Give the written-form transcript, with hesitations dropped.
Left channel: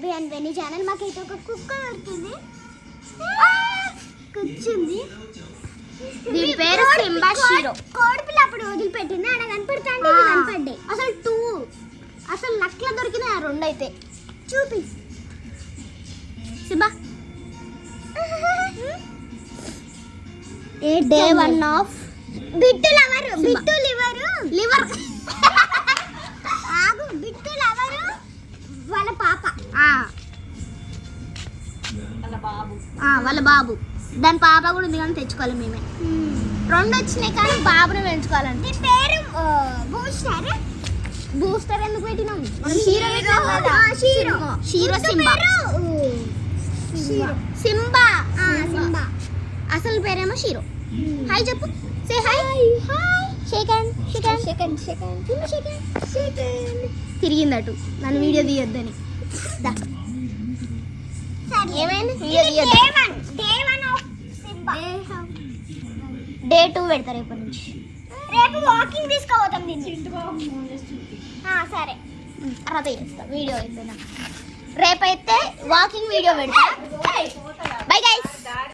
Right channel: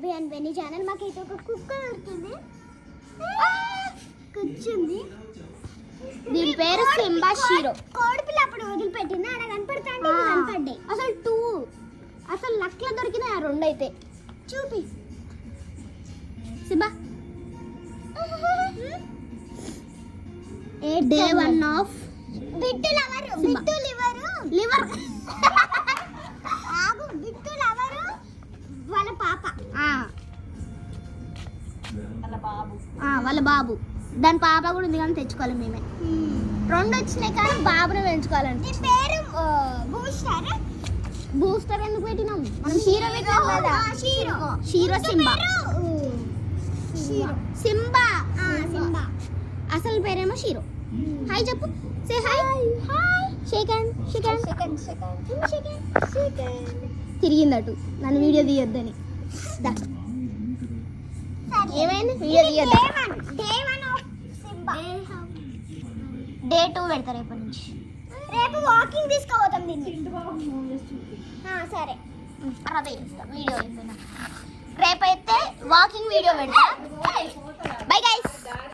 Bobby and వెన్నీ channel. మాకైతే ఒక కుక్క దొరికింది, కూర్చుంది. కోడి పిల్ల అప్పుడు వదిలిపెట్టింది, ఆడ కనపడుతుంది, కనపడ్డాయి. అసలు లక్ల దొరికినాయి ఆ రెండు. అయితే చూపి సింబా. డే 1 ఆఫ్ బిట్టు లివర్ ఆగు. బిట్టు లవరు వాళ్ళ పాప, వాళ్ళ బాబు. దాని పాప కూడా ఉంది కానీ తెచ్చుకోవాలి మేమే. రెండు వచ్చినాయి కానీ బాబుని పెంచుకోవాలంటే. పేరు బూస్టర్ ఎందుకు పెట్టినాం? సింబా. అసలు పేరేమో షీరో. హాయ్ చెప్పు. Say hi. తిరిగిందటు నన్ను వీడియో తీయొద్దని. డే 2 పెడతారు రేపటి నుంచి. రేపు వాకింగ్ తీసుకోపోతాం దీన్ని. సరే తర్వాత చేస్తా వీడియో అయిపోయినా. రేపైతే వాకింగ్ వీడియో పెడతా. Bye guys.